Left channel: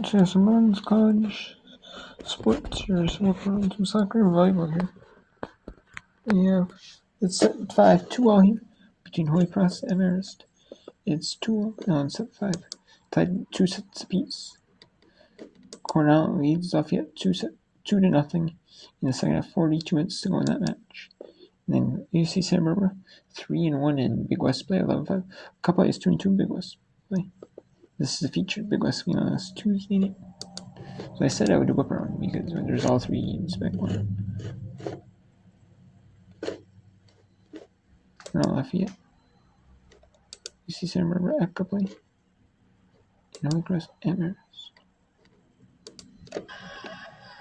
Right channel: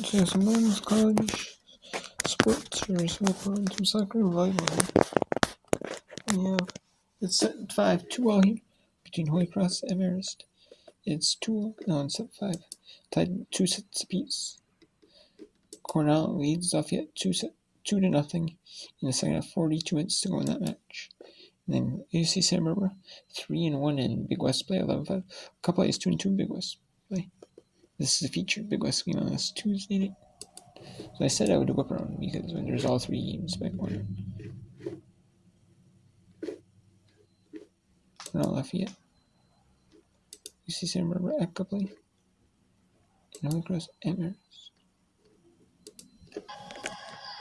Just some men's college sports here, some soccer and volleyball here. Yeah, it's set 5-2 all here between Holy Cross and Marist. It's 2 no, it's set 5. Tied 2 sets apiece. Cornell leads Lafayette 2-0 in the second half, 42 minutes to go in that match. And then UC Santa Barbara 3-1 in Big West play, 11-5. Couple is 2-2 Big West play. This is a featured Big West game on this Tuesday night. So I said I would whip around because there's all 3 games backward. Cornell Lafayette, UC Santa Barbara at Copley, and Holy Cross at Marist.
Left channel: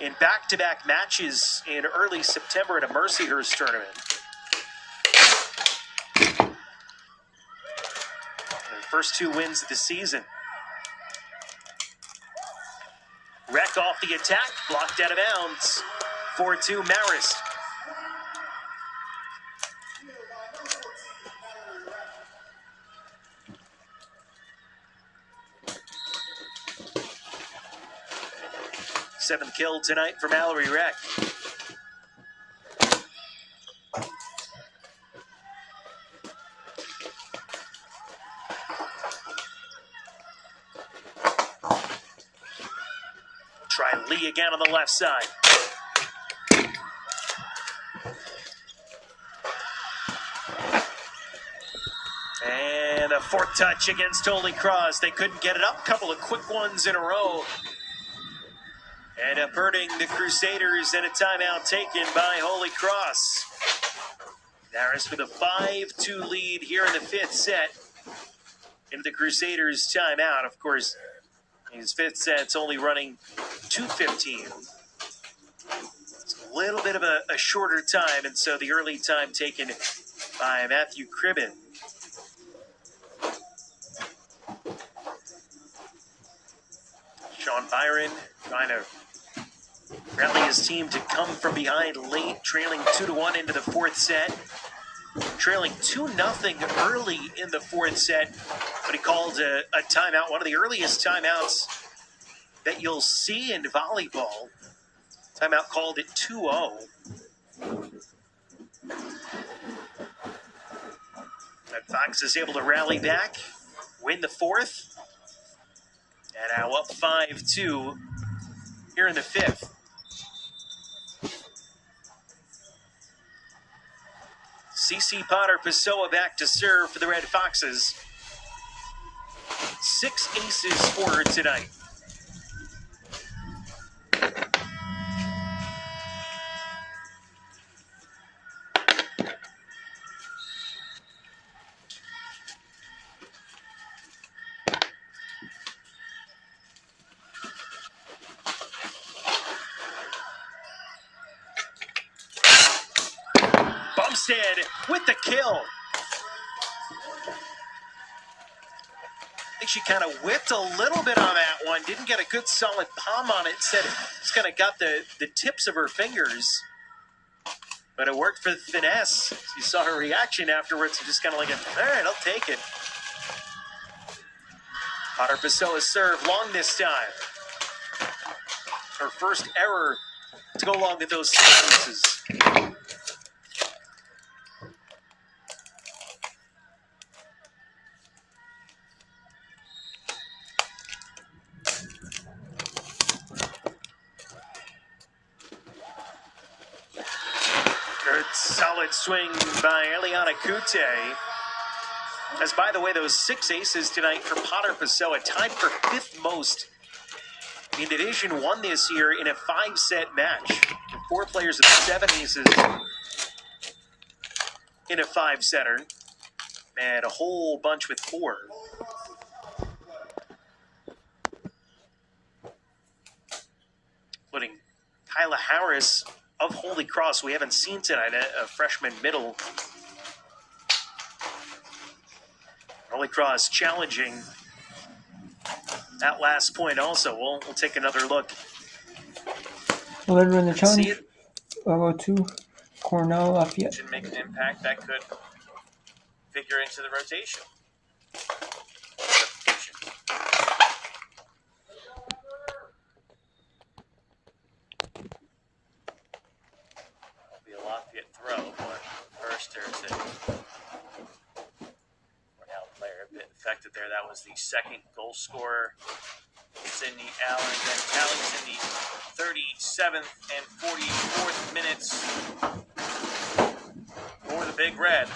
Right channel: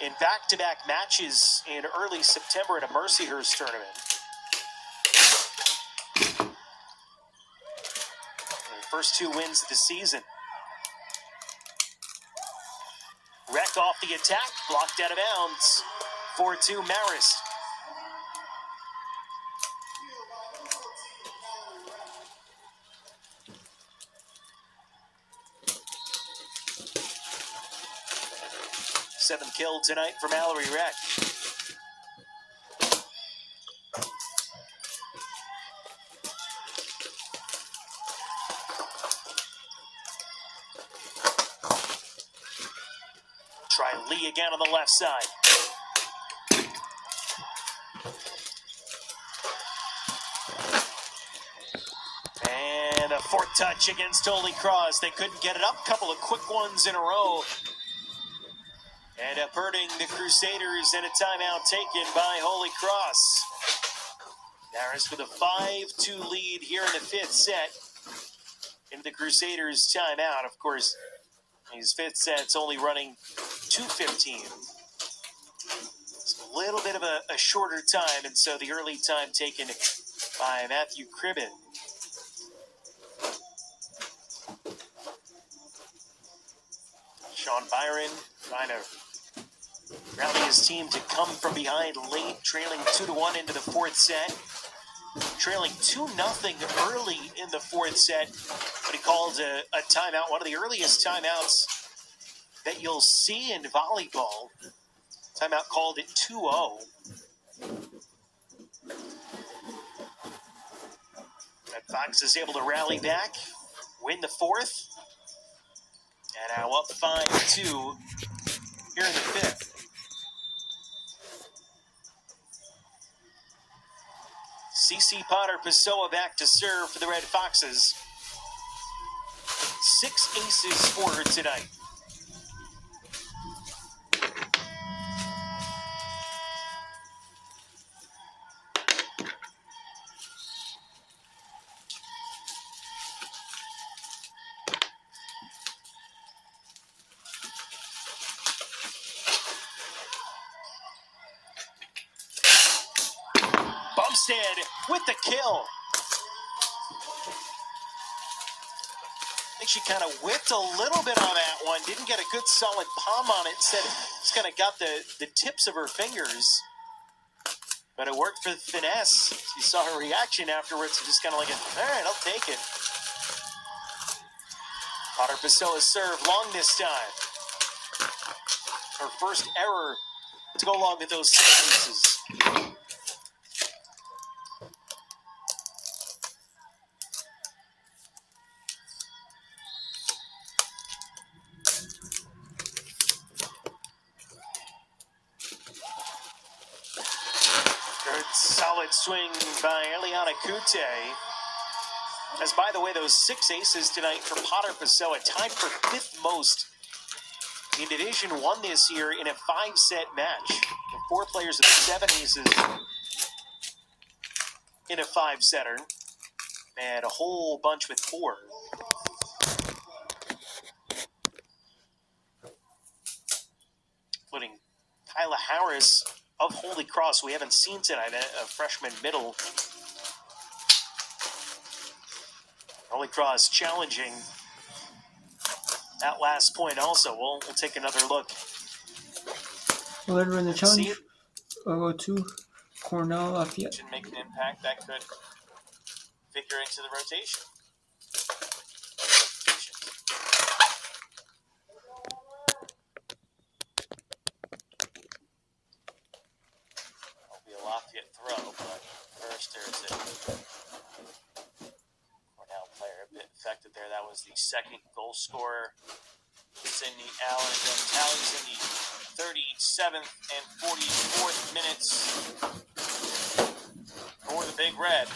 In back-to-back matches in early September at a Mercyhurst tournament. Their first 2 wins of the season. Wreck off the attack, blocked out of bounds. 4-2 Marist. Seventh kill tonight for Mallory Wreck. Try Lee again on the left side. And a 4th touch against Holy Cross. They couldn't get it up. Couple of quick ones in a row. And averting the Crusaders and a timeout taken by Holy Cross. Marist with a 5-2 lead here in the 5th set. Into the Crusaders timeout. Of course, these 5th sets only running 2:15. It's a little bit of a shorter time, and so the early time taken by Matthew Cribben. Sean Byron trying to rally his team to come from behind late, trailing 2-1 into the 4th set. Trailing 2-0 early in the 4th set, but he called a timeout, one of the earliest timeouts that you'll see in volleyball. Timeout called at 2-0. And Fox is able to rally back, win the 4th, and now up 5-2 here in the 5th. CC Potter Pessoa back to serve for the Red Foxes. 6 aces for her tonight. Bumstead with the kill. I think she kind of whipped a little bit on that one. Didn't get a good solid palm on it. Instead, just kind of got the tips of her fingers. But it worked for the finesse. You saw her reaction afterwards. Just kind of like, all right, I'll take it. Potter Pessoa served long this time. Her first error to go along with those 6 pieces. Solid swing by Eliana Kute. As by the way, those 6 aces tonight for Potter Pessoa, tied for 5th most in Division 1 this year in a 5-set match. 4 players with 7 aces in a 5-setter, and a whole bunch with 4. Including Kyla Harris of Holy Cross, we haven't seen tonight, a freshman middle. Holy Cross challenging that last point also. We'll take another look. Well, they're in the challenge. I'll go to Cornell Lafayette. Didn't make an impact that could figure into the rotation. was the second goal scorer. Sydney Allen, and Tallies in the 37th and 44th minutes for the Big Red.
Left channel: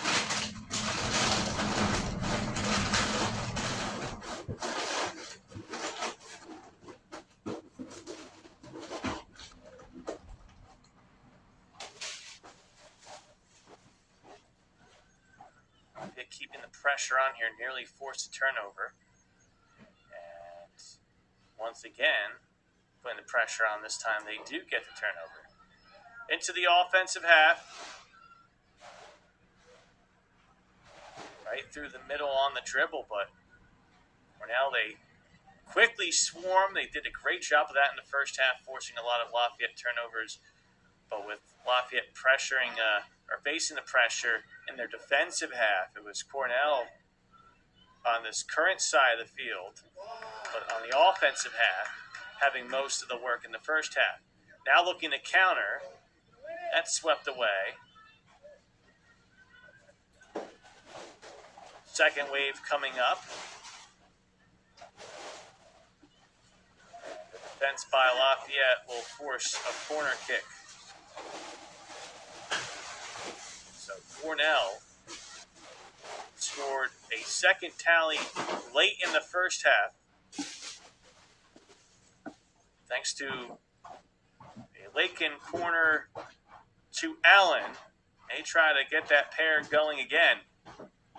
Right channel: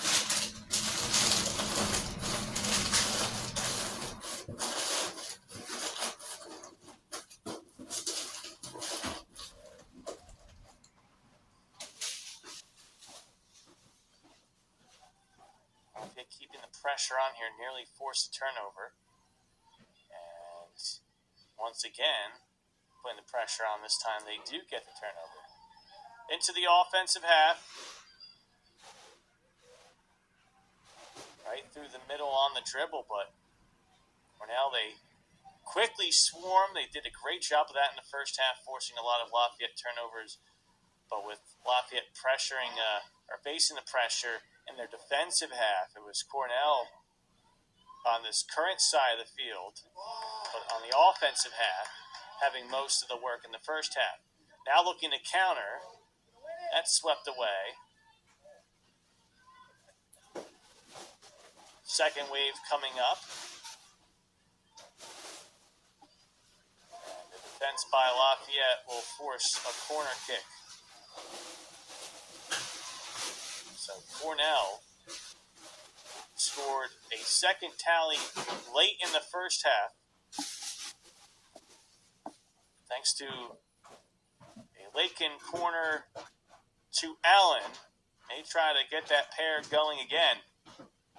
Lafayette keeping the pressure on here, nearly forced a turnover. And once again, putting the pressure on this time, they do get the turnover. Into the offensive half. Right through the middle on the dribble, but for now they quickly swarm. They did a great job of that in the first half, forcing a lot of Lafayette turnovers. But with Lafayette pressuring, or facing the pressure in their defensive half, it was Cornell on this current side of the field, but on the offensive half, having most of the work in the first half. Now looking to counter. That's swept away. Second wave coming up. Defense by Lafayette will force a corner kick. So Cornell scored a second tally late in the first half. Thanks to a Lakin corner to Allen. They try to get that pair going again.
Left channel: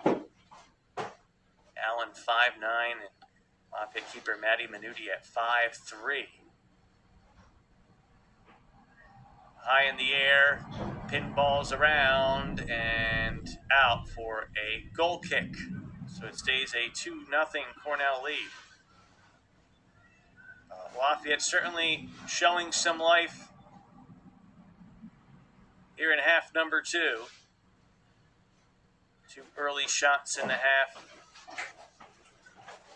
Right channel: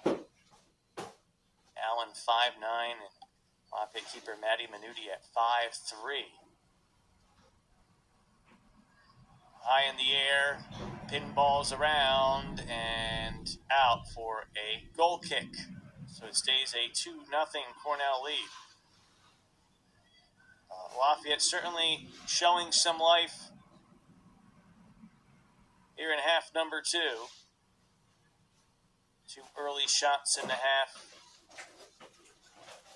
Allen 5'9", and Lafayette keeper Maddie Minuti at 5'3". High in the air, pinballs around, and out for a goal kick. So it stays a 2-0 Cornell lead. Lafayette certainly showing some life here in half number 2. 2 early shots in the half.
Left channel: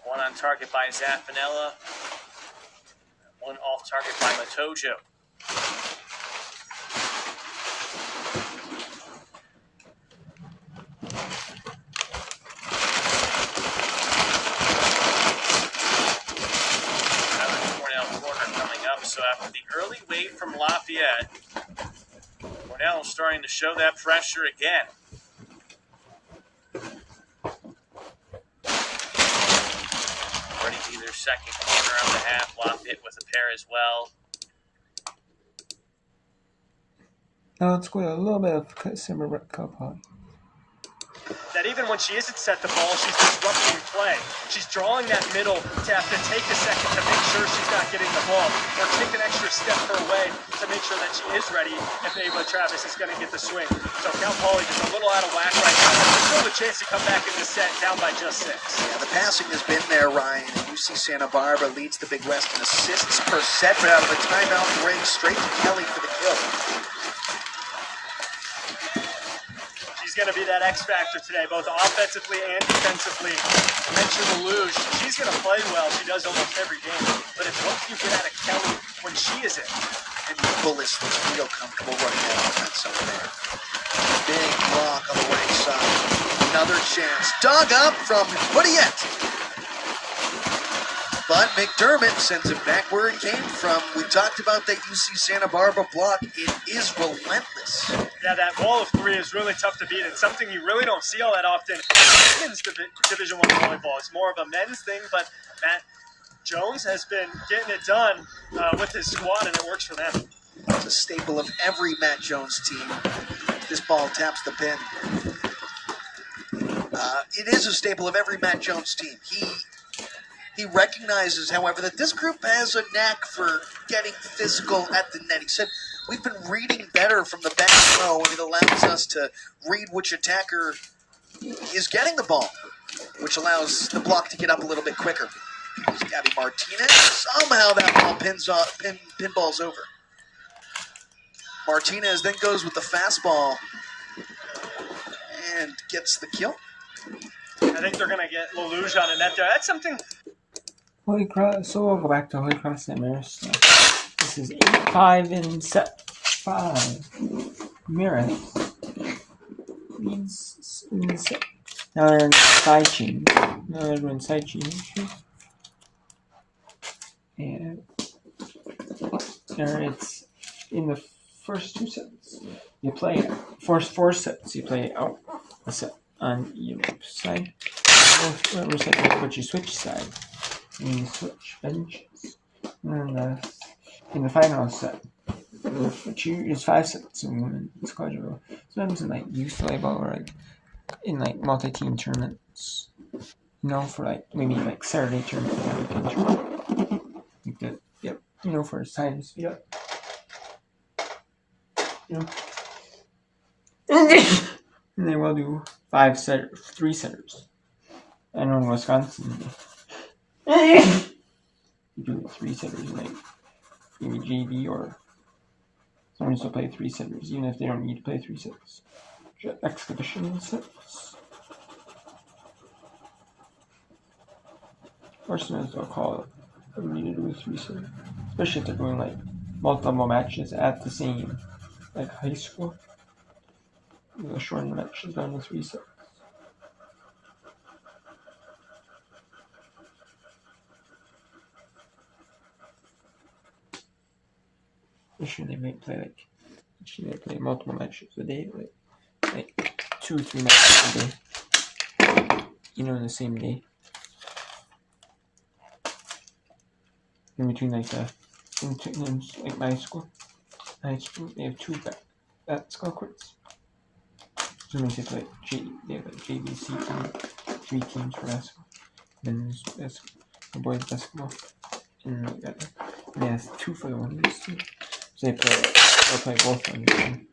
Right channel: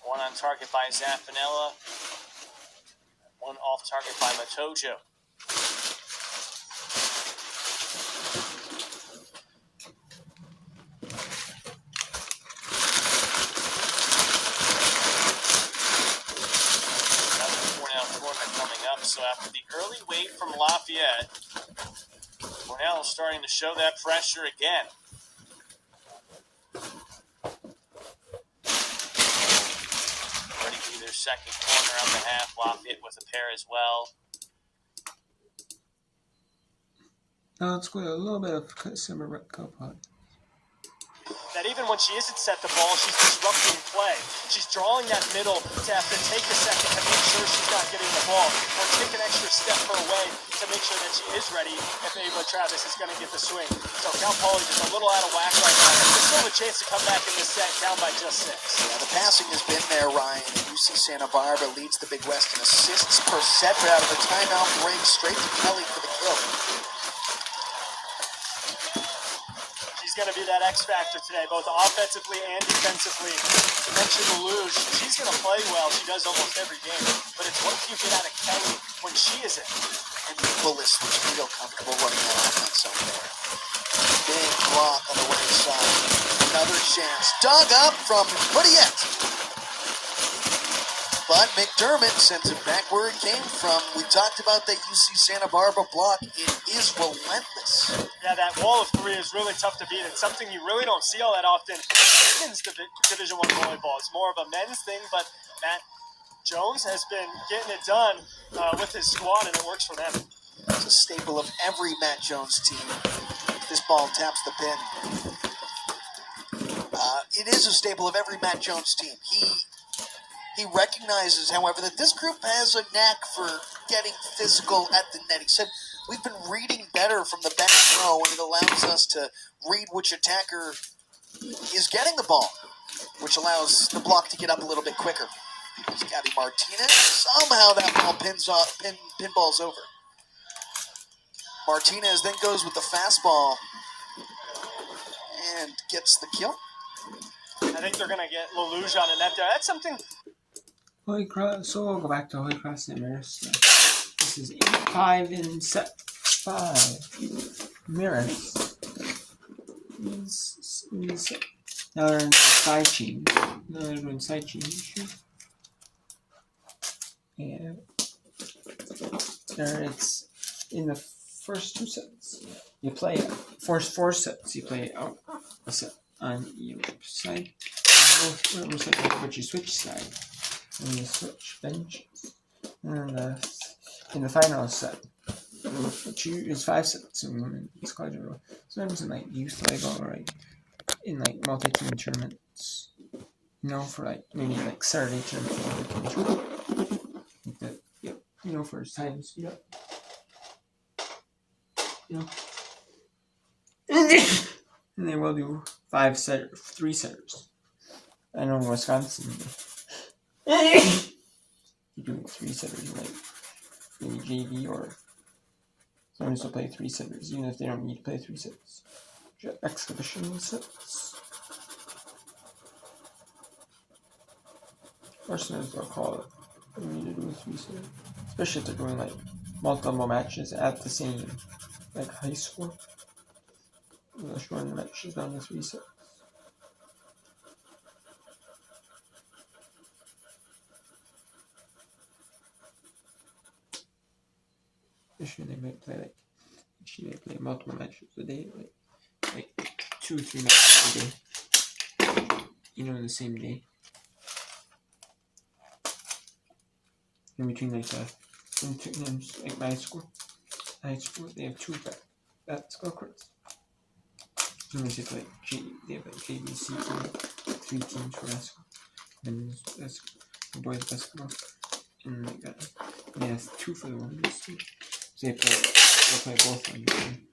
One on target by Zaffanella. One off target by Matojo. So after the early wave from Lafayette, Cornell is starting to show that pressure again. Ready to be their second quarter of the half. Lafayette with a pair as well. Now let's go a little bit of Simmer Cup on. That even when she isn't set the ball, she's disrupting play. She's drawing that middle to have to take a second to make sure she's not getting the ball, or take an extra step her way to make sure that she is ready if Ava Travis is going to get the swing. So Cal Poly just a little out of whack right now. There's still a chance to come back in the set down by just 6. The passing has been there, Ryan. UC Santa Barbara leads the Big West in assists per set, but out of the timeout break, straight to Kelly for the kill. She's going to be that X factor today, both offensively and defensively. Mention Lelouch, she's going to play well. She does almost every game, but it's what you get out of Kelly when she is in. And Bullis looks real comfortable running that offense over there. Big block on the right side. Another chance. Dug up from Woodiette. But McDermott sends it back where it came from. We talked about that UC Santa Barbara block. It is relentless. Yeah, that wall of 3 is really tough to beat. It's something you really don't see all that often in women's Division I volleyball. It's more of a men's thing, but Matt Jones has been getting it done with his squad, and it works for them. It's a staple of every Matt Jones team. This ball taps the pin. It is a staple of every Matt Jones team. He recognizes, however, that this group has a knack for getting physical at the net. He said, we've been reading better from the back row, and it allows us to read which attacker is getting the ball, which allows the block to get up a little bit quicker. It's Gabby Martinez. Somehow that ball pinballs over. Martinez then goes with the fastball and gets the kill. I think they're going to get Lelouch on the net there. That's something... Holy Cross, so we'll go back to Holy Cross St. Mary's. So this is 8-5 in set 5. Maris leads in set Now they're in side chain. Now they're doing side chain here. And it's in the first 2 sets. You play first 4 sets. You play out a set on your side. Whatever side, but you switch side. And you switch benches. And in the final set, which is 5 sets. So it's quadruple. Sometimes in like youth volleyball or like in like multi-team tournaments. You know, for like maybe like Saturday tournament. Like that. Yep. You know, for time speed up. Yeah. And they will do 3 setters. I know in Wisconsin. You do 3 setters, like maybe JV or someone will play 3 setters, even if they don't need to play 3 sets. Exhibition sets. Or sometimes they'll call it for me to do 3 setters. Especially if they're doing like multiple matches at the same, like high school. They'll shorten the matches down to 3 sets. Sure, they might play multiple matches a day, like 2 or 3 matches a day. You know, in the same day. In between like my school, high school, they have 2 basketball courts. Sometimes they have like JVC team, 3 teams for basketball, men's basketball, boys basketball, and they have 2 for the women's team. So they'll play both on the team.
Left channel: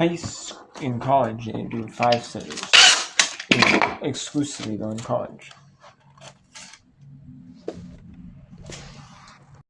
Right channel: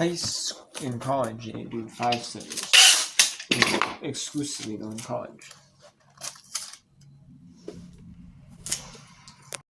And in college, they do 5 setters. Exclusively though in college.